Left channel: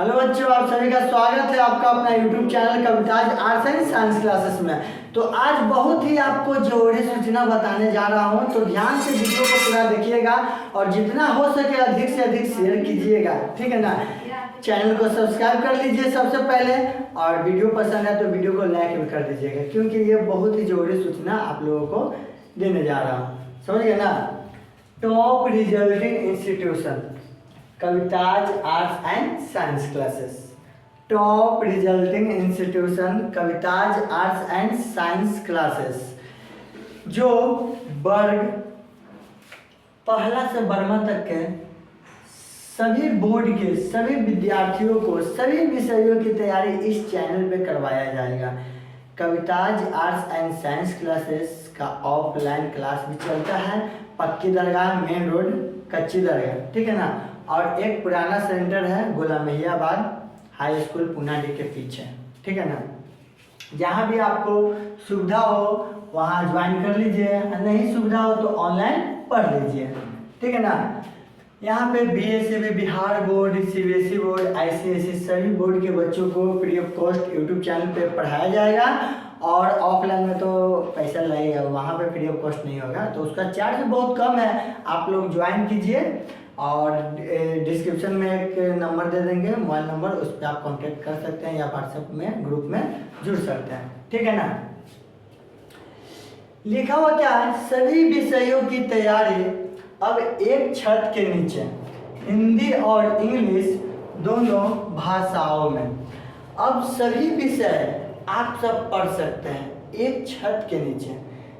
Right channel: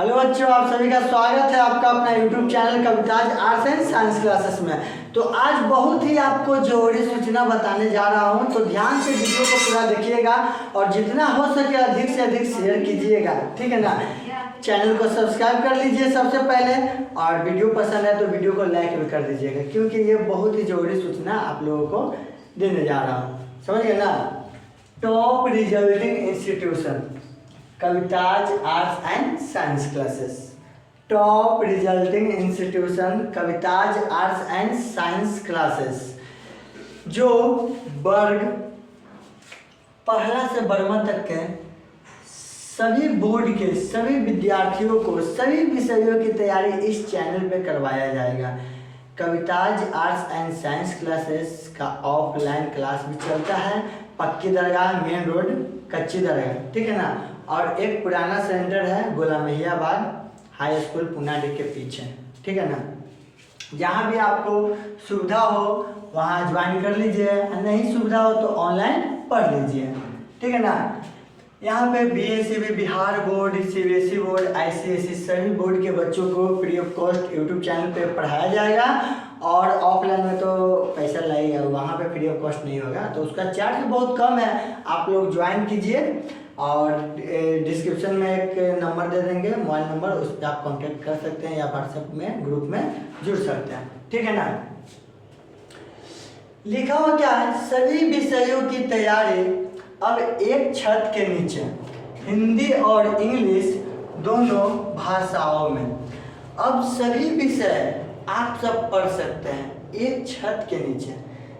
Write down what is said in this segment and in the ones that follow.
Hello बच्चों, आप सभी का स्वागत है आपका अपना YouTube channel Kavita's arts and science classes में। तो आज बहुत ही आपको जरूरी सूचना बताने जा रहा हूं, तो ध्यान से वीडियो को पूरा देखिएगा और जितना हो सके अधिक से अधिक शेयर कीजिएगा, ठीक है ना। चैनल को सब्सक्राइब कर लीजिए सबसे पहले, और वीडियो पसंद है तो वीडियो को लाइक भी कर दीजिएगा, क्योंकि ये बहुत ही जरूरी सूचना आप लोगों को देने जा रहा हूँ, समझ गए ना। Top resulting institution Kavita's arts and science classes. Top resulting institution Kavita's arts and science classes, जो वर्ग पहला से बर्मा तक के सभी बोर्ड के सभी विद्यार्थियों को सभी विषयों की तैयारी इस चैनल पे करवाया जाएगा। Kavita's arts and science classes का ऑफलाइन क्लास भी चलता है, पक्की दरगाह मेन रोड कच्ची दरगाह, ठीक है ना। और एक पुराना सेंटर है गुलाम मैया बाग हाई स्कूल पुनाडी के पीछे, ठीक है ना। जहाँ भी आपको सुविधा हो वहाँ ज्वाइन कर लीजिए, नहीं सुविधा हो तो ऑनलाइन पढ़ लीजिए, ठीक है ना। यहाँ पे BSCB Bihar board, CBSE board, ICSE सभी बोर्ड के बच्चों को free of cost YouTube channel पे पढ़ाया जाएगा। और ऑफलाइन में तो पैसा लगेगा, वहाँ पे फ्री ऑफ कॉस्ट नहीं होगा, तो उसका चार्ज भी बहुत कम है। आप लोग ज्वाइन कीजिए और डिस्क्रिप्शन में एक नंबर दे देंगे, मोबाइल नंबर, उस पर आप कांटेक्ट कर सकते हैं या व्हाट्सएप में ग्रुप में जुड़ सकते हैं, ठीक है ना। लिखा हुआ क्या है, सभी विषयों की तैयारी अब एक छत के नीचे हिंदी और इंग्लिश दोनों भाषाओं में। अब सभी विषय आप सब पढ़ सकते हैं एक छत के नीचे,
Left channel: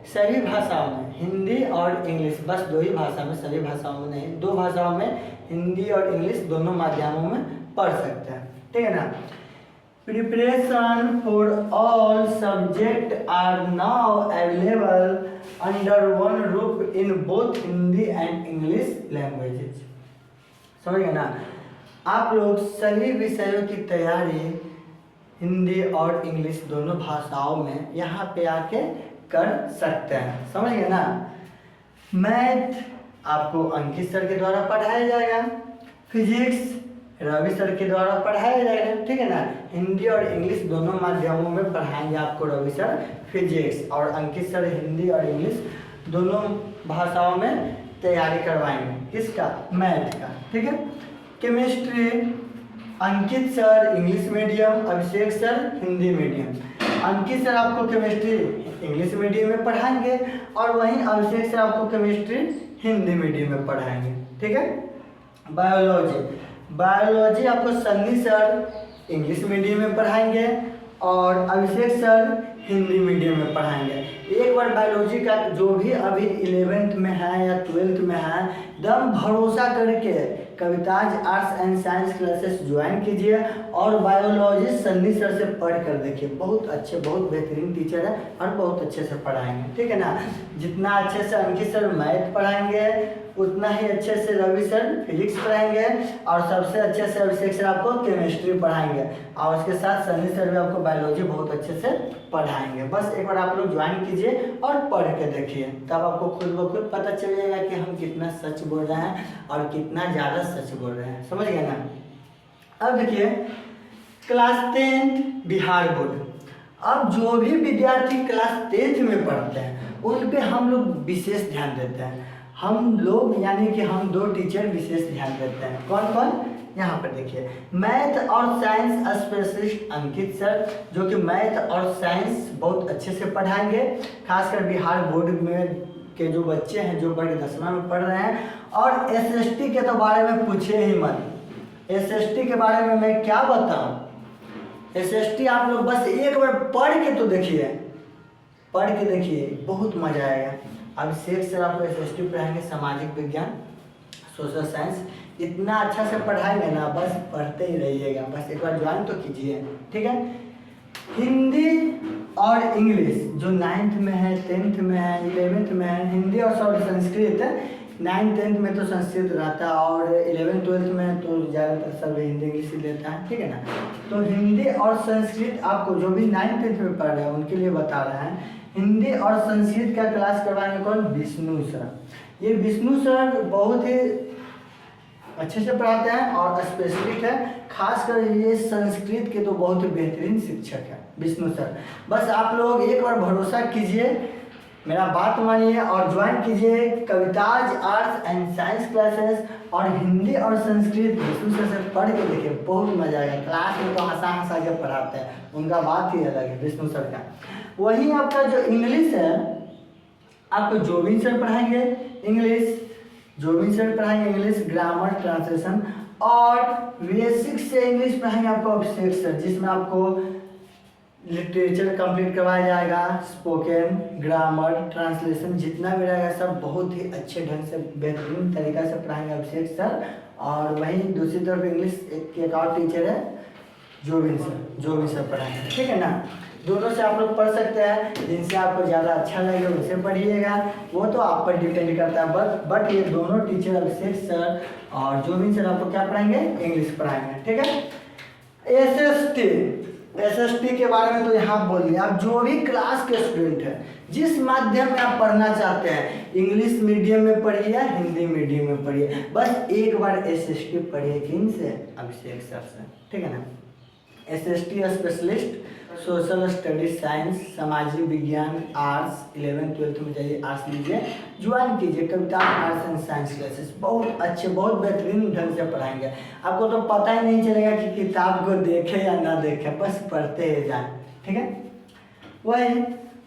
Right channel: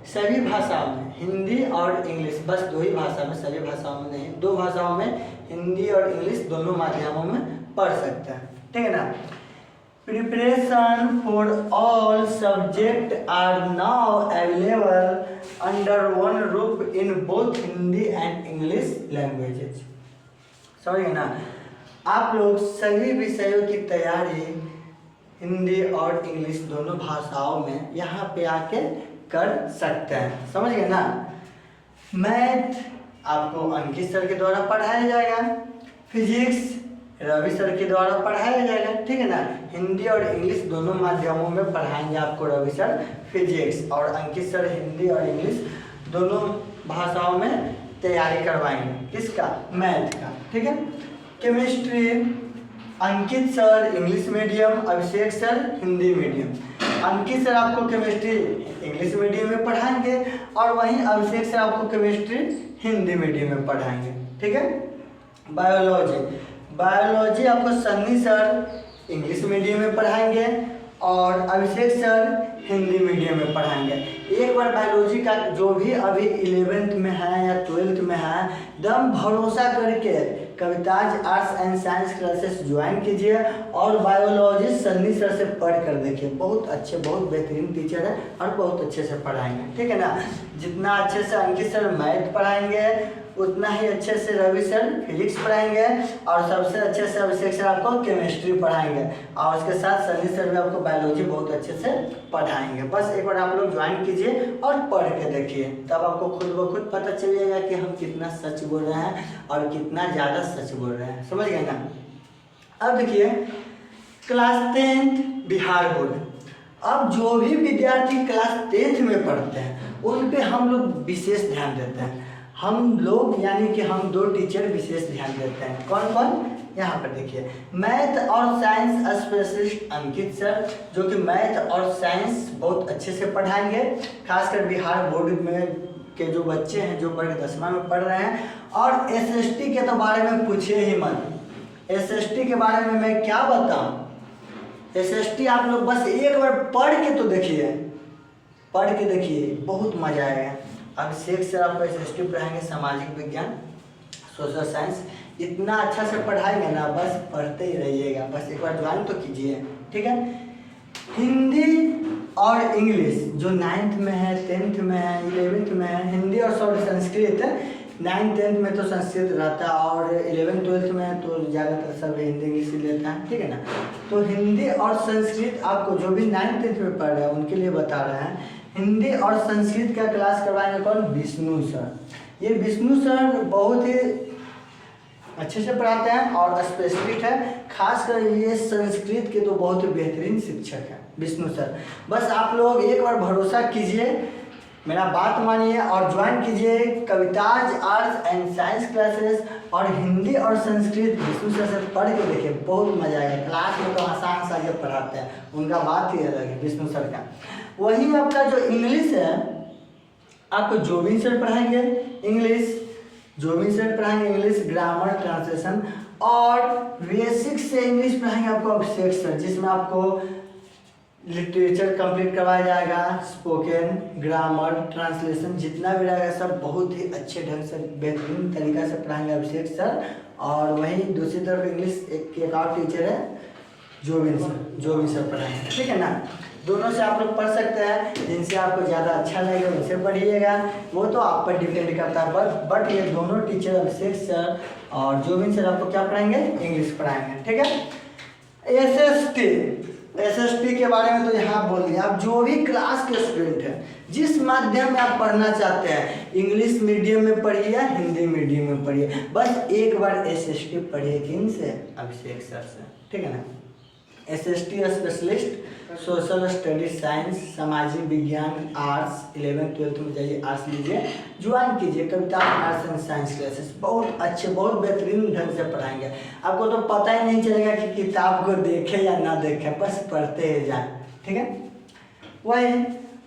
सभी भाषाओं में, हिंदी और इंग्लिश, बस दो ही भाषा में, सभी भाषाओं में नहीं, दो भाषाओं में हिंदी और इंग्लिश दोनों माध्यमों में पढ़ सकते हैं, ठीक है ना। Preparation for all subject are now available under one roof in both Hindi and English languages, समझ गए ना। आप लोग सभी विषयों की तैयारी हिंदी और इंग्लिश दोनों भाषाओं में यहाँ पे आके कर सकते हैं, समझ गए ना। मैथ आपको अंकित सर के द्वारा पढ़ाया जाएगा, फिजिक्स रवि सर के द्वारा पढ़ाया जाएगा, ठीक है ना। हिंदी और इंग्लिश दोनों माध्यमों में पढ़ाएंगे आपको रवि सर फिजिक्स, और अंकित सर हिंदी और इंग्लिश दोनों भाषाओं में तैयारी करवाएंगे, किसका, मैथ का, ठीक है। केमिस्ट्री अंकित सर इंग्लिश मीडियम, अभिषेक सर हिंदी मीडियम। अंकित सर आपको केमिस्ट्री इंग्लिश मीडियम में पढ़ाएंगे और वहीं अभिषेक सर आपको केमिस्ट्री हिंदी मीडियम में पढ़ाएंगे, ठीक है। बायोलॉजी आपको सन्नी सर इंग्लिश मीडियम में पढ़ाएंगे और अभिषेक सर हिंदी मीडियम में पढ़ाएंगे। एक बार बायोलॉजी का जो भी अभी 11th में है या 12th में है, दम भरोसा करके Kavita's arts and science classes join कीजिए और बायोलॉजी सन्नी सर से पढ़ कर देखिए, बहुत अच्छे बहुत बेहतरीन टीचर है और बहुत अच्छे से पढ़ाएंगे, ठीक है ना। जितना अच्छे से अंकित सर मैथ पढ़ाएंगे उतना ही अच्छे से रवि सर फिजिक्स पढ़ाएंगे और सबसे अच्छे से अभिषेक सर आपको केमिस्ट्री पढ़ाएंगे और उसके साथ सन्नी सर भी आपको बायोलॉजी बहुत अच्छे से पढ़ाएंगे। बस एक बार आप लोग ज्वाइन कीजिए और पढ़ के देखिए, तब आपको खुद ब खुद पता चलेगा कि हम कितना सच बोल रहे हैं और कितना ज़्यादा सच बोल रहे हैं, समझ गए ना। अब देखिए क्लास 10th बिहार बोर्ड, अब जो भी विद्यार्थी क्लास 10th में पढ़ते हैं उन पे हम लोग विशेष ध्यान देते हैं। हम लोग यानी कि हम दो टीचर विशेष ध्यान देते हैं, कौन कौन, यहाँ पर देखिए। मैथ और साइंस स्पेशलिस्ट अंकित सर, जो कि मैथ और साइंस बहुत अच्छे से पढ़ाएंगे, खासकर बिहार बोर्ड में के जो बच्चे हैं जो वर्ग 10वां में पढ़ रहे हैं। और SST के तो बारे में पूछे ही मत, SST के बारे में मैं क्या बताऊँ। SST आप लोग बस एक बार पढ़ के तो देखिए, पढ़ के देखिए, बहुत मजा आएगा। अभिषेक सर आपको SST पढ़ाएंगे, सामाजिक विज्ञान, सोशल साइंस, इतना अच्छा से पढ़ाएंगे ना, बस पढ़ते ही रहिएगा, बस एक बार ज्वाइन तो कीजिए, ठीक है। हिंदी और इंग्लिश जो 9th में है, 10th में है, 11th में है, हिंदी और संस्कृत 9th 10th में तो संस्कृत रहता है और 11th 12th में तो ज़्यादातर सब हिंदी इंग्लिश ही लेता है, ठीक है ना। तो हिंदी और संस्कृत आपको जो भी 9th 10th में पढ़ रहे हैं उनके लिए बता रहे हैं। हिंदी और संस्कृत का क्लास करवाएंगे कौन, विष्णु सर। ये विष्णु सर बहुत ही अच्छे से पढ़ाते हैं और स्पेशलिस्ट है, खासकर ये संस्कृत के तो बहुत ही बेहतरीन शिक्षक है विष्णु सर। बस आप लोग एक बार भरोसा कीजिए, मेरा बात मानिए और ज्वाइन कीजिए Kavita's arts and science classes. और हिंदी और संस्कृत विष्णु सर से पढ़ के देखिए, बहुत मजा आएगा। क्लास में तो आसान सा जब पढ़ाते हैं, उनका बात ही अलग है विष्णु सर का। वहीं आपका जो इंग्लिश है, आपको जोबिन सर पढ़ाएंगे इंग्लिश, जोबिन सर पढ़ाएंगे इंग्लिश, ग्रामर, ट्रांसलेशन और बेसिक से इंग्लिश पढ़ाएंगे आपको अभिषेक सर, जिसमें आपको लिटरेचर कंप्लीट करवाया जाएगा, स्पोकन, ग्रामर, ट्रांसलेशन जितना भी रहेगा सब बहुत ही अच्छे ढंग से बेहतरीन तरीका से पढ़ाएंगे अभिषेक सर। और वहीं दूसरी तरफ इंग्लिश एक और टीचर है जोबिन सर पढ़ाएंगे, ठीक है ना। दोनों से आप लोग पढ़ सकते हैं, जिनसे आपको ज़्यादा अच्छा लगेगा वैसे पढ़िएगा, वो तो आप पर डिपेंड करता है। बट ये दोनों टीचर अभिषेक सर और जोबिन सर आपको क्या पढ़ाएंगे, इंग्लिश पढ़ाएंगे, ठीक है। एसएसटी के बारे में तो यहाँ बोल दिया। आप जो भी क्लास के स्टूडेंट हैं, जिस माध्यम में आप पढ़ना चाहते हैं, इंग्लिश मीडियम में पढ़िए या हिंदी मीडियम में पढ़िए, बस एक बार एसएसटी पढ़िए। किन से? अभिषेक सर से, ठीक है ना। SST specialist, social studies, science, सामाजिक विज्ञान, आर्ट्स, 11th-12th में जाइए आर्ट्स लीजिए, ज्वाइन कीजिए Kavita's arts and science classes. बहुत अच्छे, बहुत बेहतरीन ढंग से पढ़ाएंगे। आपको तो पता ही नहीं चलेगा कि किताब को देखे या ना देखे, बस पढ़ते ही जाए, ठीक है। वही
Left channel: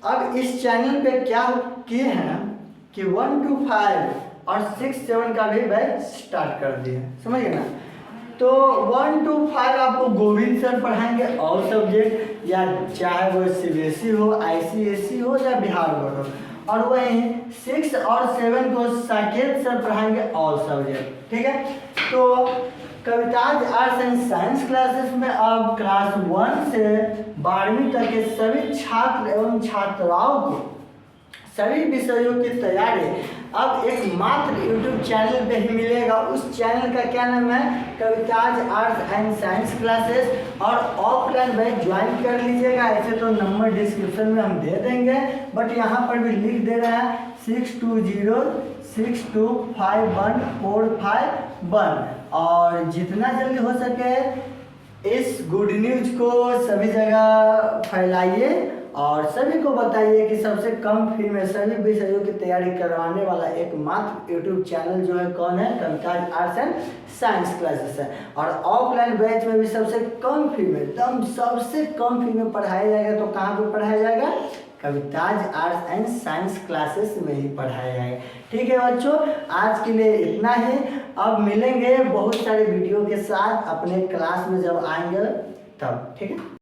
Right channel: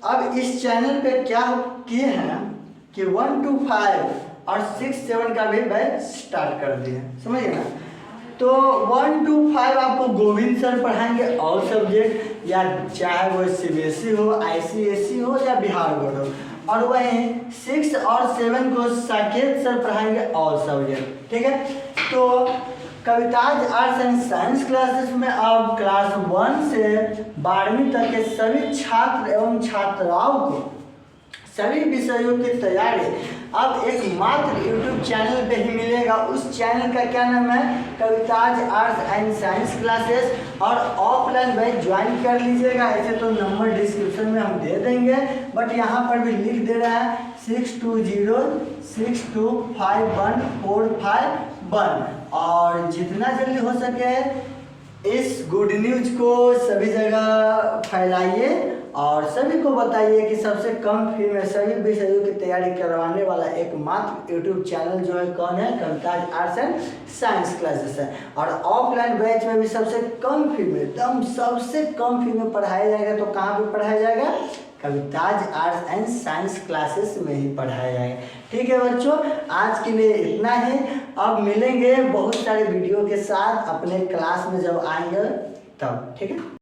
अब इस चैनल पे क्या किए हैं कि 1 to 5 और 6, 7 का भी बैच स्टार्ट कर दिए, समझ गए ना। तो 1 to 5 आपको गोविंद सर पढ़ाएंगे ऑल सब्जेक्ट, या चाहे वो सीबीएसई हो, आईसीएसई हो या बिहार बोर्ड हो। और वहीं 6 और 7 को साकेत सर पढ़ाएंगे ऑल सब्जेक्ट, ठीक है। तो Kavita's arts and science classes में अब क्लास 1 से 12वीं तक के सभी छात्र एवं छात्राओं को सभी विषयों की तैयारी अब एक मात्र यूट्यूब चैनल पे ही मिलेगा। उस चैनल का क्या नाम है, Kavita's arts and science classes. और ऑफलाइन बैच ज्वाइन कर लीजिएगा। ऐसे तो नंबर डिस्क्रिप्शन में हम दे देंगे, बट यहाँ पर भी लिख दे रहा है 6206251451। और जितना जल्दी हो सके इस गुड न्यूज को सभी जगह फैलाइए और सभी को बताइए कि सबसे कम फी में सभी विषयों की तैयारी करवाने वाला एकमात्र यूट्यूब चैनल जो है कौन है, Kavita's arts and science classes है। और ऑफलाइन बैच में भी सबसे कम फी में, एकदम सबसे कम फी में पढ़ाया जाएगा। तो कहाँ पे पढ़ाया जाएगा, Kavita's arts and science classes में ही पढ़ाया जाएगा। ठीक है बच्चों, आज के लिए इतना ही। अब मिलेंगे बहुत सारे वीडियो के साथ अपने क्लास में जब आएंगे तब, ठीक है।